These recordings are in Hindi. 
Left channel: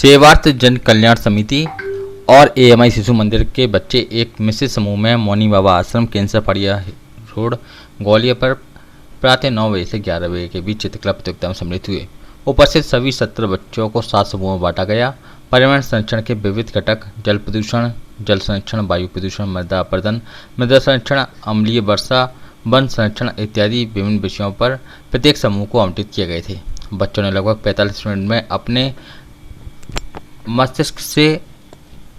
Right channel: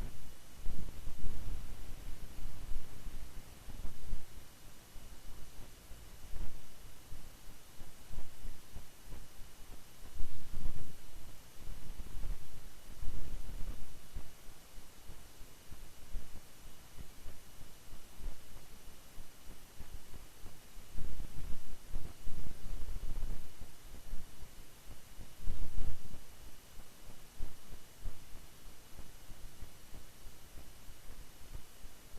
सेवार्थ जन कल्याण समिति और एएमआई शिशु मंदिर के बच्चे एक मिश्रित समूह में मौनी बाबा आश्रम कैंसर फड़िया रोड ग्वालियर पर प्रातः 9 बजे से 11 बजे के बीच चित्रकला प्रतियोगिता में सम्मिलित हुए। उपस्थित सभी 17 बच्चों को 7 समूहों में बांटा गया। पर्यावरण संरक्षण के विविध घटक जल प्रदूषण, जल संरक्षण, वायु प्रदूषण, मृदा अपरदन, मृदा संरक्षण, अम्लीय वर्षा, वन संरक्षण इत्यादि विभिन्न विषयों पर प्रत्येक समूह को आवंटित किए गए थे। बच्चों ने लगभग 45 मिनट में अपने मस्तिष्क से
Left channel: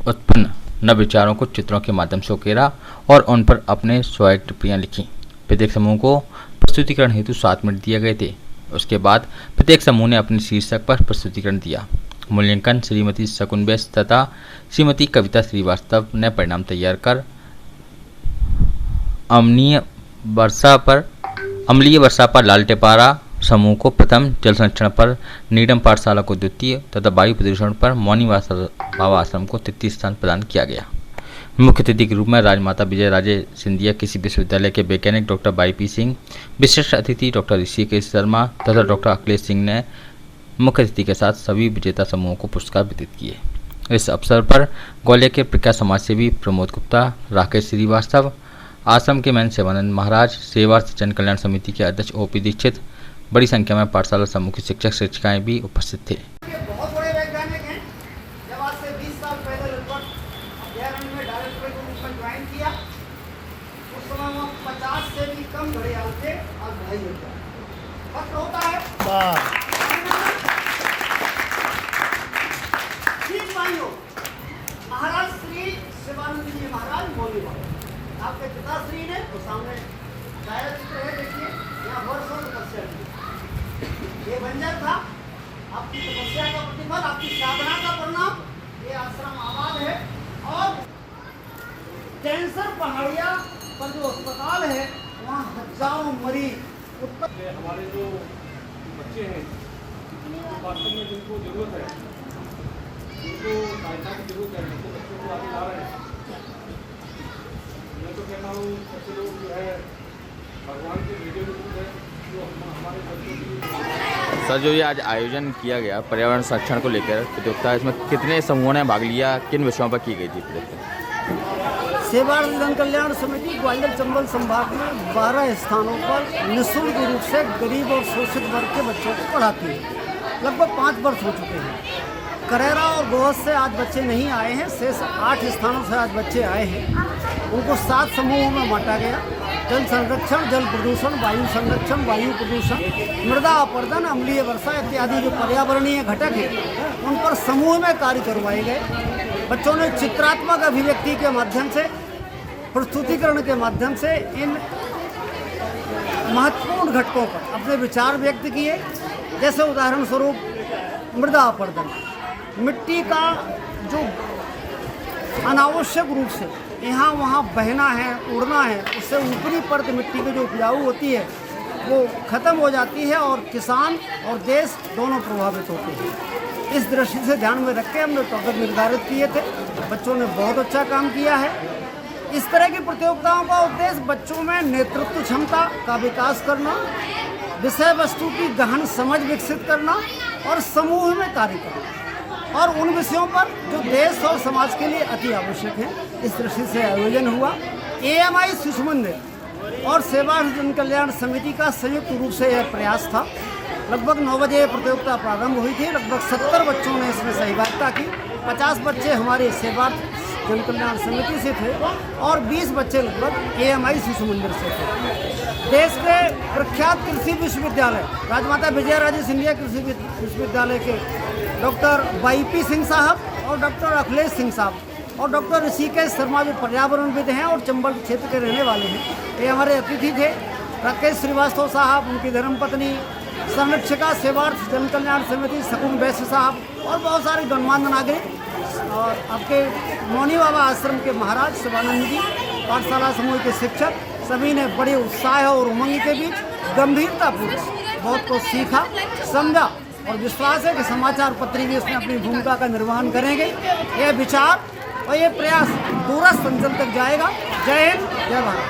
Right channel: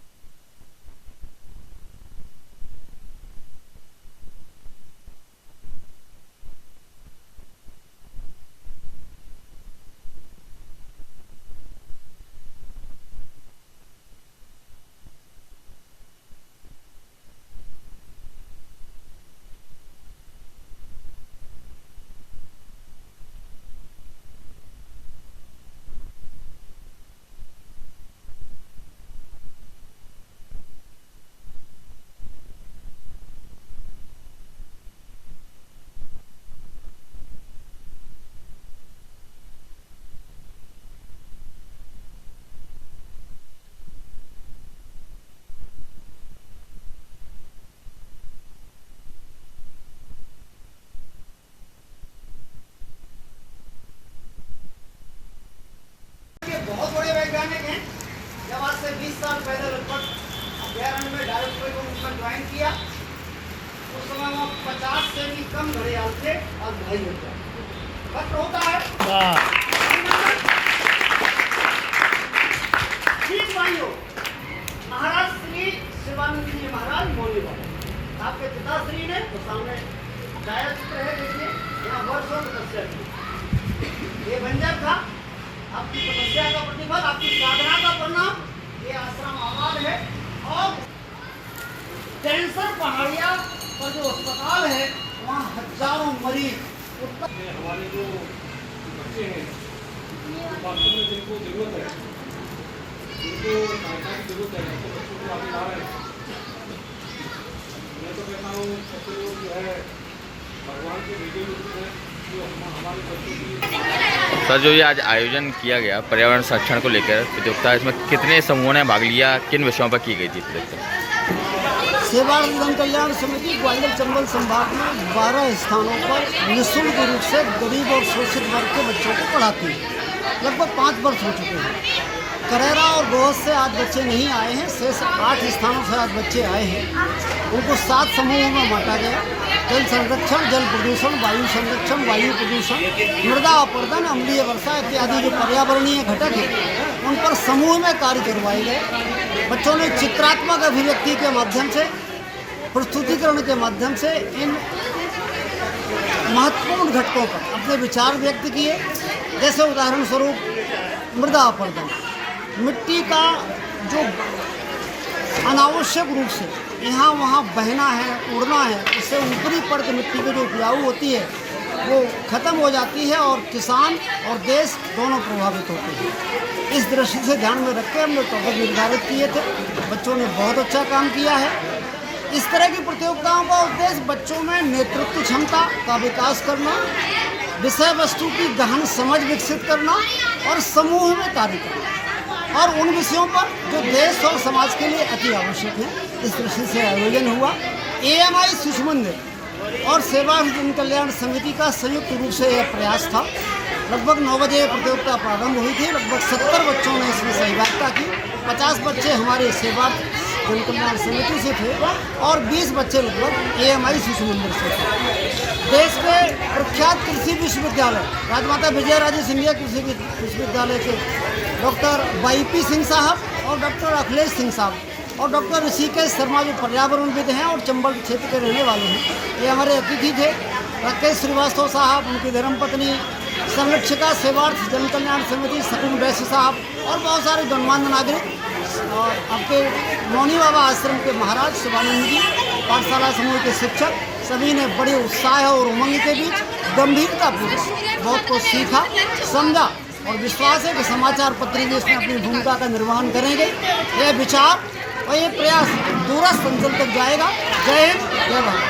उत्पन्न नव विचारों को चित्रों के माध्यम से उकेरा और उन पर अपने स्वयं टिप्पणियाँ लिखीं। प्रत्येक समूह को प्रस्तुतिकरण हेतु 7 मिनट दिए गए थे। उसके बाद प्रत्येक समूह ने अपने शीर्षक पर प्रस्तुतिकरण दिया। मूल्यांकन श्रीमती शकुन वैश्य तथा श्रीमती कविता श्रीवास्तव ने परिणाम तैयार कर अम्लीय वर्षा पर लाल टेपारा समूह को प्रथम, जल संरक्षण पर नीडम पाठशाला को द्वितीय तथा वायु प्रदूषण पर मौनी बाबा आश्रम को तृतीय स्थान प्रदान किया गया। मुख्य अतिथि के रूप में राजमाता विजय राजे सिंधिया कृषि विश्वविद्यालय के वैज्ञानिक डॉक्टर वाईपी सिंह, विशिष्ट अतिथि डॉक्टर ऋषिकेश शर्मा तथा डॉक्टर अखिलेश सिंह ने मुख्य अतिथि के साथ सभी विजेता समूहों को पुरस्कार वितरित किए। इस अवसर पर ग्वालियर के प्रख्यात समाजसेवी प्रमोद गुप्ता, राकेश श्रीवास्तव, आश्रम के मैन सेवानंद महाराज, सेवार्थ जन कल्याण समिति के अध्यक्ष ओपी दीक्षित, बड़ी संख्या में पाठशाला समूह के शिक्षक शिक्षिकाएं भी उपस्थित थे। बहुत बड़े वैज्ञानिक हैं। जब आज से 20 साल पहले लगभग अभ्यारण्य में डायरेक्टर को ऊपर ज्वाइन किया, उस समय वहाँ 50 से भी कम घड़ियाल थे। अब नहीं होता वक्त होता है। ठीक भाइयों, महाराज श्री शिवानंद जी महाराज मौनी बाबा, आपके पिताश्री ने तो सामने छायाचित्र है, देखिए यहाँ वर्षों तपस्या की। ये बंजर था, आपकी तपस्या का प्रतिफल, आपकी साधना का परिणाम ये आश्रम आबाद है। और कैंसर पहाड़िया पर जो अस्पताल है वहाँ हजारों मरीज हमारे जो बच्चे हैं वास्तव में जिनको जरूरत है, जिनको सहायता की जरूरत है, जिनको बच्चों को आगे ला रहे हैं, मैं तो कहता हूँ ऐसे लोग जो है भगवान के भेजे लोग हैं जो हमारे बच्चों की। सर, जो ये आज आयोजन किया गया पर्यावरण संरक्षण को लेकर प्रतियोगिता, इसमें कितने समूहों ने भाग लिया, किन विषयों पर की गई थी प्रतियोगिता? सेवार्थ जन कल्याण समिति ग्वालियर चंबल संभाग में 12 स्थानों पर निःशुल्क रूप से गरीब और शोषित वर्ग के बच्चों को पढ़ाती है। लगभग 5 वर्ष हो चुके हैं। करेरा और गोहद से आज बच्चे नहीं आए हैं, शेष 8 स्थानों से आज बच्चे आए हैं। उनको 7 समूहों में बांटा गया। जल संरक्षण, जल प्रदूषण, वायु संरक्षण, वायु प्रदूषण, मृदा अपरदन, अम्लीय वर्षा इत्यादि जो पर्यावरणीय घटक हैं उन पर समूह में कार्य करवाए गए। बच्चों ने चित्रात्मक अभिव्यक्ति के माध्यम से, प्रस्तुतिकरण के माध्यम से इन महत्वपूर्ण घटकों पर अपने विचार व्यक्त किए। जैसे उदाहरण स्वरूप मृदा अपरदन, मिट्टी का जो अनावश्यक रूप से यहाँ वहाँ बहना है, उड़ना है, उससे ऊपरी परत मिट्टी की जो उपजाऊ होती है वो ख़त्म हो जाती है और किसान और देश दोनों प्रभावित होते हैं। इस दृष्टि से ध्यान में रख के हमने टॉपिक निर्धारित किए थे। बच्चों ने बहुत अच्छा काम किया है। इस तरह की प्रतियोगिताओं का उद्देश्य बच्चों में नेतृत्व क्षमता का विकास करना, विषय वस्तु की गहन समझ विकसित करना और समूह में कार्य करना, और उन विषयों पर जो देश और समाज के लिए अति आवश्यक है। इस दृष्टि से आयोजन हुआ। एएमआई शिशु मंदिर और सेवार्थ जन कल्याण समिति का संयुक्त रूप से यह प्रयास था। लगभग 9 बजे प्रतियोगिता प्रारंभ हुई थी। लगभग 70 बच्चों ने इसमें सहभागिता की। 50 बच्चे हमारे सेवार्थ जन कल्याण समिति से थे और 20 बच्चे लगभग एएमआई शिशु मंदिर से थे। देश के प्रख्यात कृषि विश्वविद्यालय राजमाता विजय राजे सिंधिया कृषि विश्वविद्यालय के डॉक्टर वाईपी सिंह साहब और डॉक्टर अखिलेश सिंह साहब और डॉक्टर ऋषिकेश शर्मा जो पर्यावरणविद हैं और चंबल क्षेत्र के रहने वाले हैं, ये हमारे अतिथि थे। राकेश श्रीवास्तव साहब, उनकी धर्मपत्नी, संरक्षिका सेवार्थ जन कल्याण समिति शकुन वैश्य साहब और बहुत सारे गणमान्य नागरिक और आपके मौनी बाबा आश्रम के महाराज शिवानंद जी, पाठशाला समूह के शिक्षक, सभी ने बड़े उत्साह और उमंग के बीच गंभीरतापूर्वक बहुत कुछ सीखा, समझा और विश्वास है कि समाचार पत्र भी इसमें अपनी भूमिका का निर्वहन करेंगे। यह विचार और ये प्रयास दूरस्थ अंचल तक जाएगा। जय हिंद, जय भारत।